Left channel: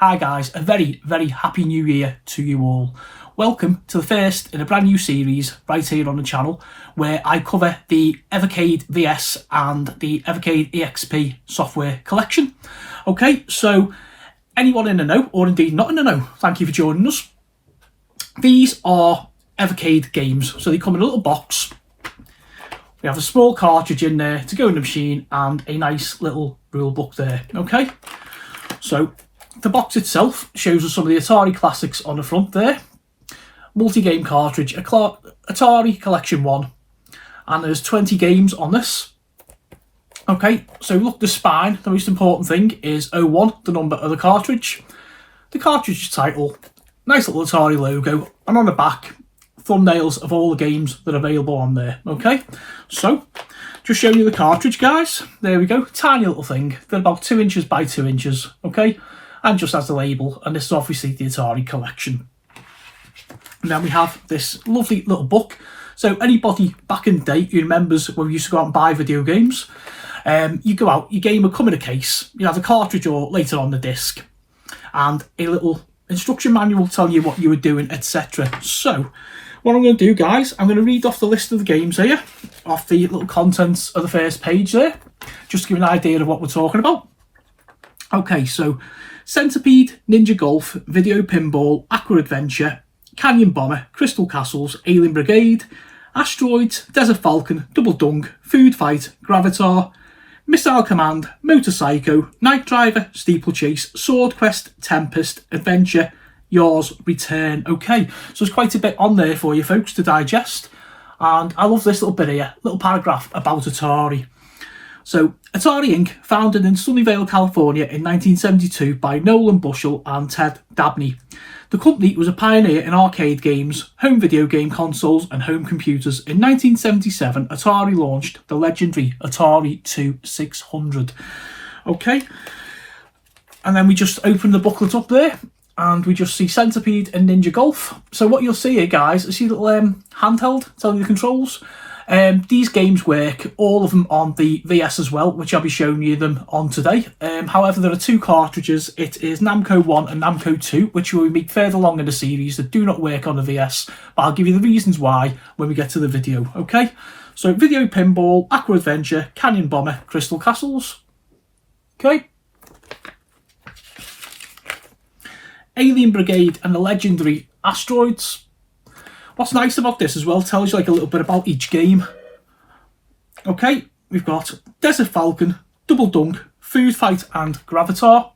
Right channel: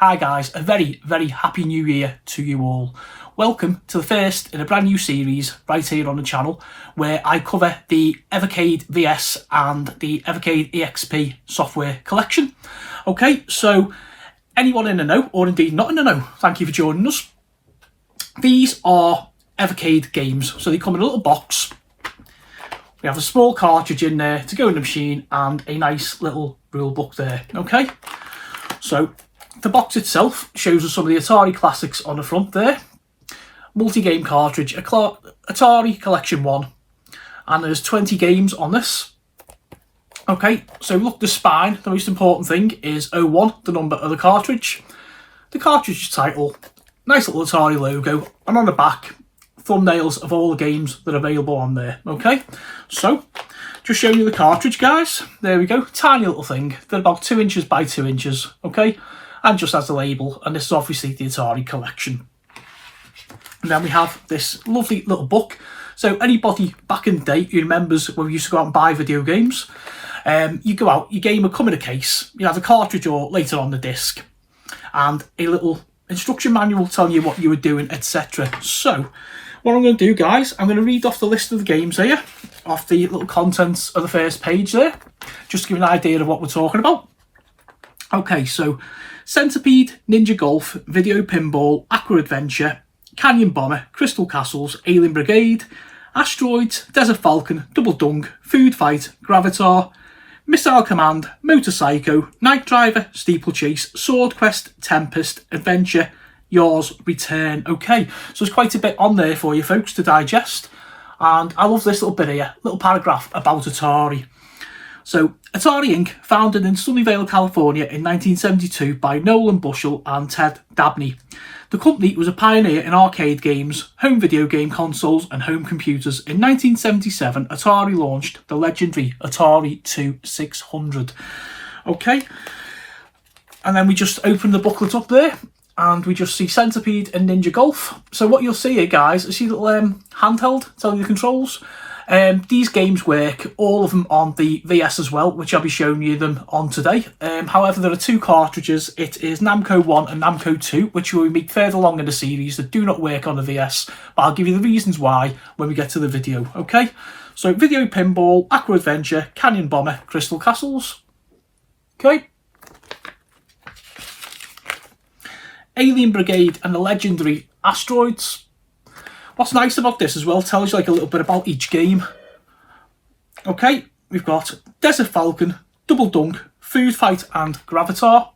Hi guys, a very, very happy new year to you all. Welcome to the first in a brand new series right here on the channel where I cover the Evercade VS and the Evercade EXP software collection. Okay, so anyone in the know, or indeed not in the know, thank you for joining us. These are Evercade games, so they come in a little box. We have a small cartridge in there to go in the machine and a nice little rule book there, okay? So the box itself shows us some of the Atari classics on the front there. Multi-game cartridge, Atari Collection 1, and there's 20 games on this. Okay, so look at the spine. The most important thing is 01, the number of the cartridge title, nice little Atari logo, and on the back, thumbnails of all the games that are available on there. Okay, so just showing you the cartridge, guys. There we go, tiny little thing. They're about 2 inches by 2 inches. Okay, and just has the label, and this is obviously the Atari Collection. And then we have this lovely little book. So anybody back in the day who remembers when we used to go out and buy video games, you go out, your game would come in a case, you have a cartridge or later on the disc, and a little instruction manual telling you what you were doing, etc. So what I'm going to do, guys, I'm going to read off the list of the games here, off the little contents of the first page there, just to give an idea of what we're talking about. Okay, so Centipede, Ninja Golf, Video Pinball, Aqua Adventure, Canyon Bomber, Crystal Castles, Alien Brigade, Asteroids, Desert Falcon, Double Dunk, Food Fight, Gravatar, Missile Command, Motor Psycho, Night Driver, Steeplechase, Sword Quest, Tempest, Adventure, Yours, Return. Okay, so there's quite a bit on there for you folks to digest, and I love this little bit here, little paragraph about Atari. So, Atari Inc., founded in Sunnyvale, California in 1972 by Nolan Bushell and Ted Dabney. The company was a pioneer in arcade games, home video game consoles and home computers. In 1977, Atari launched the legendary Atari 2600. Okay, and then we just open the booklet up there and we just see Centipede and Ninja Golf. So what you'll see here, guys, is see little handheld telling you the controls. These games work, all of them on the VS as well, which I'll be showing you them on today. However, there are 2 cartridges. It is Namco 1 and Namco 2, which we will meet further along in the series, that do not work on the VS, but I'll give you the reasons why when we get to the video, okay? So, Video Pinball, Aqua Adventure, Canyon Bomber, Crystal Castles. Okay? Alien Brigade and the legendary Asteroids. What's nice about this as well, tells you like a little bit about each game. Okay, we've got Desert Falcon, Double Dunk, Food Fight and Gravatar.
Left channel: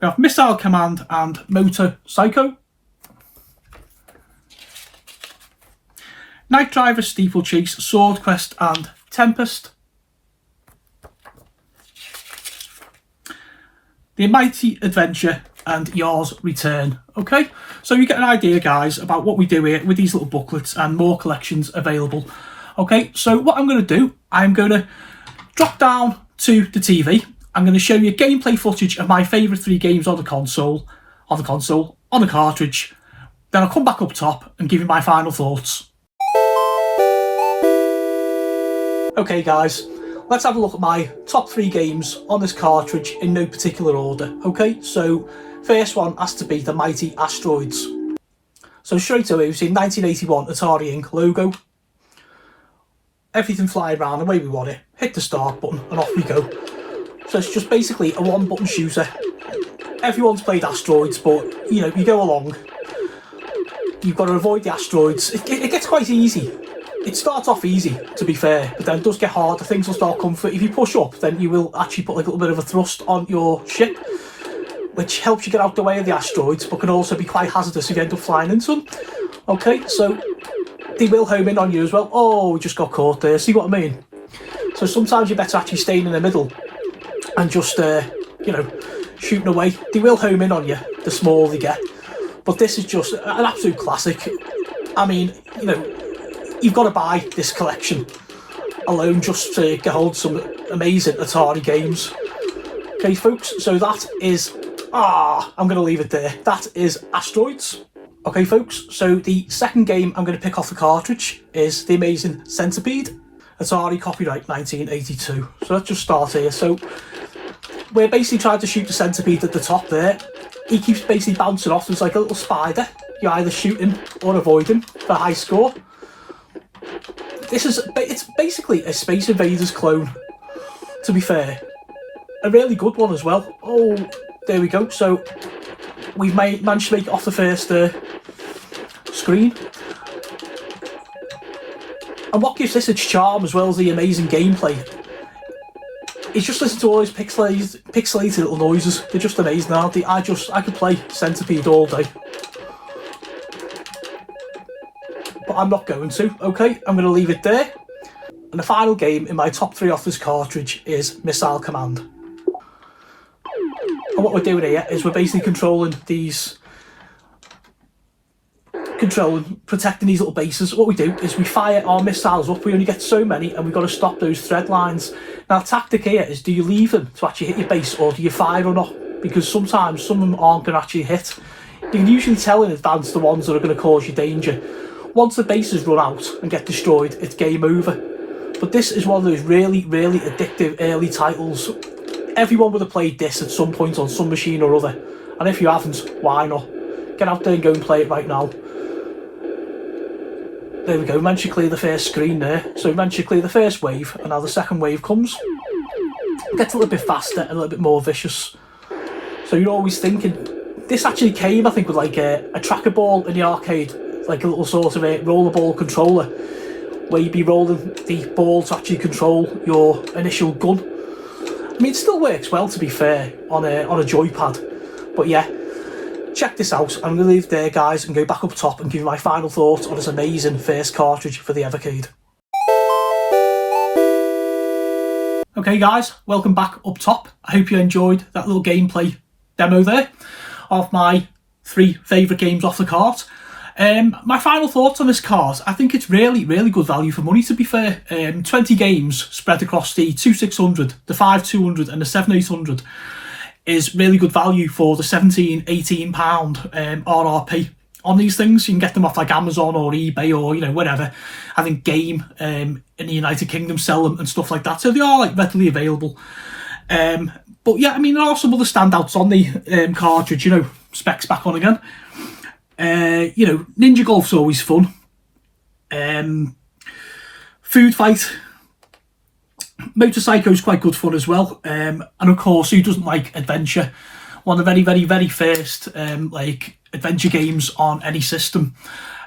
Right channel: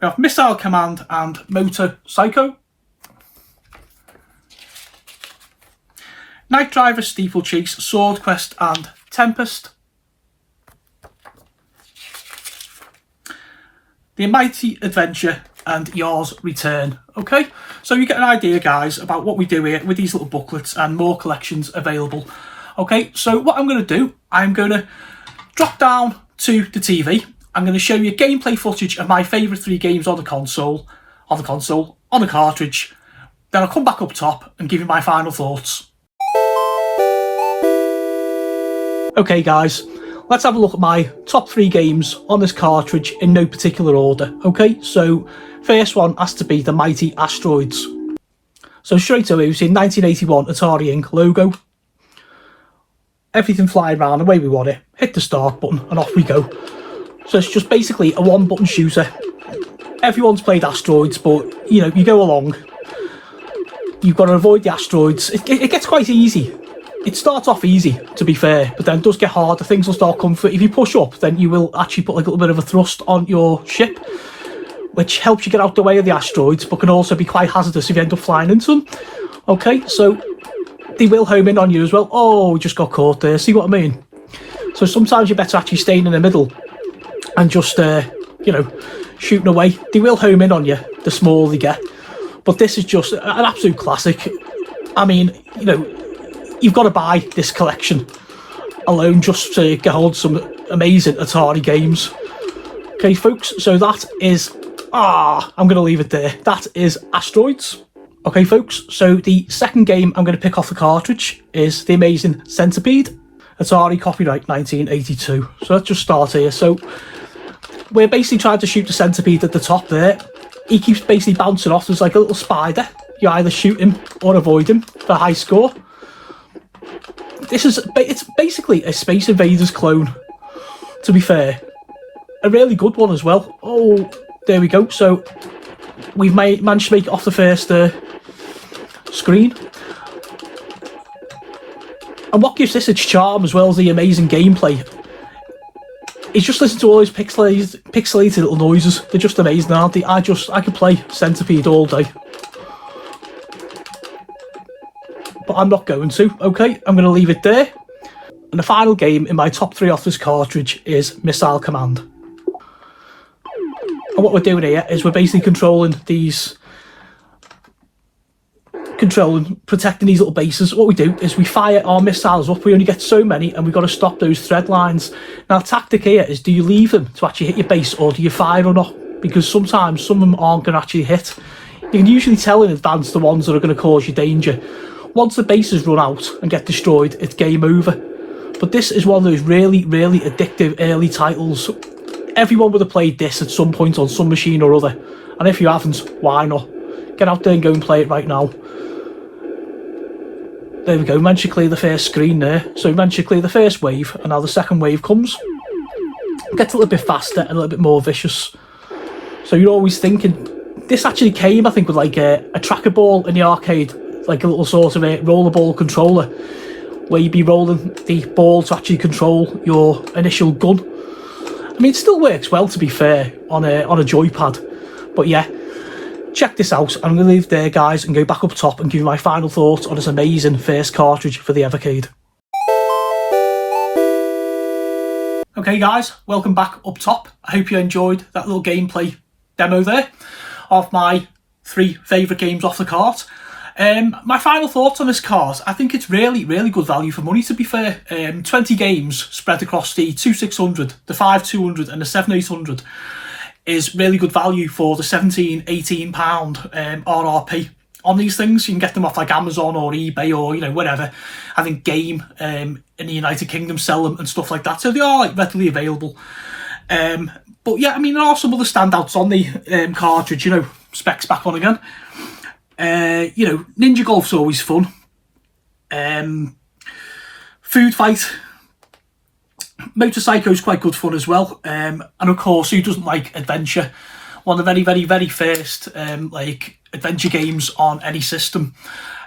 We have Missile Command and Motor Psycho. Night Driver, Steeplechase, Sword Quest and Tempest. The Mighty Adventure and Yours, Return. Okay, so you get an idea, guys, about what we do here with these little booklets and more collections available. Okay, so what I'm going to do, I'm going to drop down to the TV. I'm going to show you gameplay footage of my favourite 3 games on the console, on the cartridge. Then I'll come back up top and give you my final thoughts. Okay, guys, let's have a look at my top 3 games on this cartridge in no particular order. Okay, so first one has to be the Mighty Asteroids. So straight away, we see 1981 Atari Inc. logo. Everything flying around the way we want it. Hit the start button and off we go. So it's just basically a 1-button shooter. Everyone's played Asteroids, but you know, you go along. You've got to avoid the asteroids. It gets quite easy. It starts off easy, to be fair, but then it does get harder. Things will start coming through. If you push up, then you will actually put like a little bit of a thrust on your ship, which helps you get out the way of the asteroids, but can also be quite hazardous if you end up flying into them. Okay, so they will home in on you as well. Oh, we just got caught there, see what I mean? So sometimes you're better actually staying in the middle and just, you know, shooting away. They will home in on you, the smaller they get. But this is just an absolute classic. I mean, you know, you've got to buy this collection alone just to get hold of some amazing Atari games. Okay, folks, so that is... I'm going to leave it there. That is Asteroids. Okay, folks, so the second game I'm going to pick off the cartridge is the amazing Centipede. Atari, copyright 1982. So let's just start here. So we're basically trying to shoot the Centipede at the top there. He keeps basically bouncing off. There's like a little spider. You either shoot him or avoid him for a high score. It's basically a Space Invaders clone, to be fair. A really good one as well. Oh, there we go. So we've managed to make it off the first screen. And what gives this its charm as well as the amazing gameplay is just listen to all those pixelated little noises. They're just amazing, aren't they? I could play Centipede all day. But I'm not going to, okay? I'm going to leave it there. And the final game in my top 3 off this cartridge is Missile Command. And what we're doing here is we're basically protecting these little bases. What we do is we fire our missiles up. We only get so many and we've got to stop those thread lines. Now the tactic here is, do you leave them to actually hit your base or do you fire or not? Because sometimes some of them aren't going to actually hit. You can usually tell in advance the ones that are going to cause you danger. Once the bases run out and get destroyed, it's game over. But this is one of those really, really addictive early titles. Everyone would have played this at some point on some machine or other. And if you haven't, why not? Get out there and go and play it right now. There we go, managed to clear the first screen there. So we managed to clear the first wave, and now the second wave comes. It gets a little bit faster and a little bit more vicious. So you're always thinking, this actually came, I think, with like a tracker ball in the arcade, like a little sort of a rollerball controller, where you'd be rolling the ball to actually control your initial gun. I mean, it still works well, to be fair, on a joypad. But yeah. Check this out. I'm going to leave it there, guys, and go back up top and give you my final thoughts on this amazing first cartridge for the Evercade. Okay, guys, welcome back up top. I hope you enjoyed that little gameplay demo there of my 3 favourite games off the cart. My final thoughts on this cart, I think it's really, really good value for money, to be fair. 20 games spread across the 2600, the 5200 and the 7800. Is really good value for the £17-18 RRP on these things. You can get them off like Amazon or eBay or, you know, whatever. I think Game in the United Kingdom sell them and stuff like that, so they are like readily available. But yeah, I mean, there are some other standouts on the cartridge, you know. Specs back on again. You know, Ninja Golf's always fun. Food Fight, Motorcycle's quite good fun as well, and of course, who doesn't like adventure? One of the very, very, very first like adventure games on any system.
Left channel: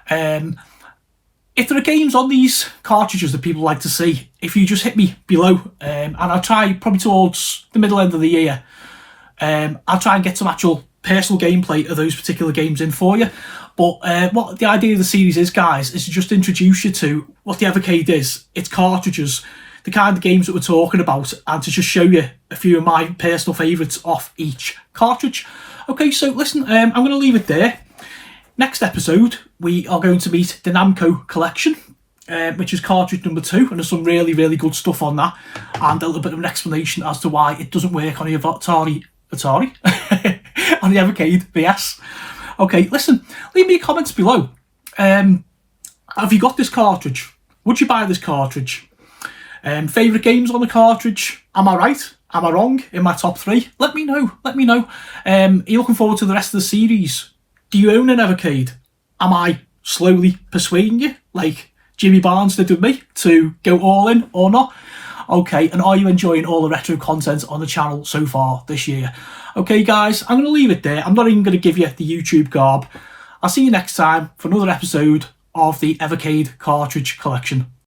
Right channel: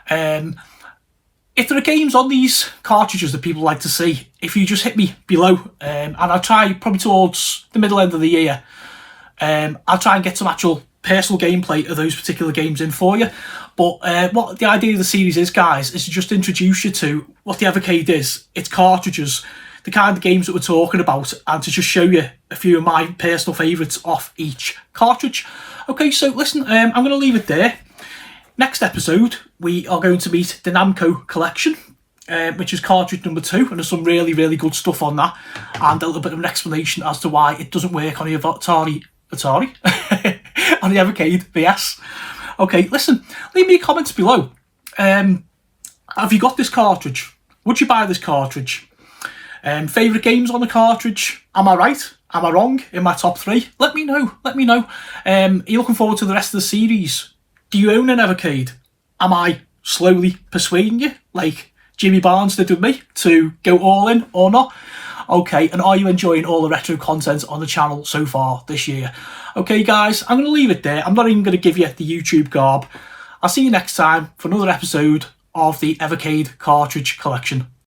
If there are games on these cartridges that people like to see, if you just hit me below, and I'll try probably towards the middle end of the year, I'll try and get some actual personal gameplay of those particular games in for you. But what the idea of the series is, guys, is to just introduce you to what the Evercade is. It's cartridges, the kind of games that we're talking about, and to just show you a few of my personal favourites off each cartridge. Okay, so listen, I'm going to leave it there. Next episode, we are going to meet the Namco Collection, which is cartridge number 2, and there's some really, really good stuff on that, and a little bit of an explanation as to why it doesn't work on the Atari on the Evercade VS. Okay, listen, leave me your comments below. Have you got this cartridge? Would you buy this cartridge? Favourite games on the cartridge? Am I right? Am I wrong in my top 3? Let me know. Let me know. Are you looking forward to the rest of the series? Do you own an Evercade? Am I slowly persuading you, like Jimmy Barnes did with me, to go all in or not? Okay, and are you enjoying all the retro content on the channel so far this year? Okay, guys, I'm going to leave it there. I'm not even going to give you the YouTube garb. I'll see you next time for another episode of the Evercade Cartridge Collection.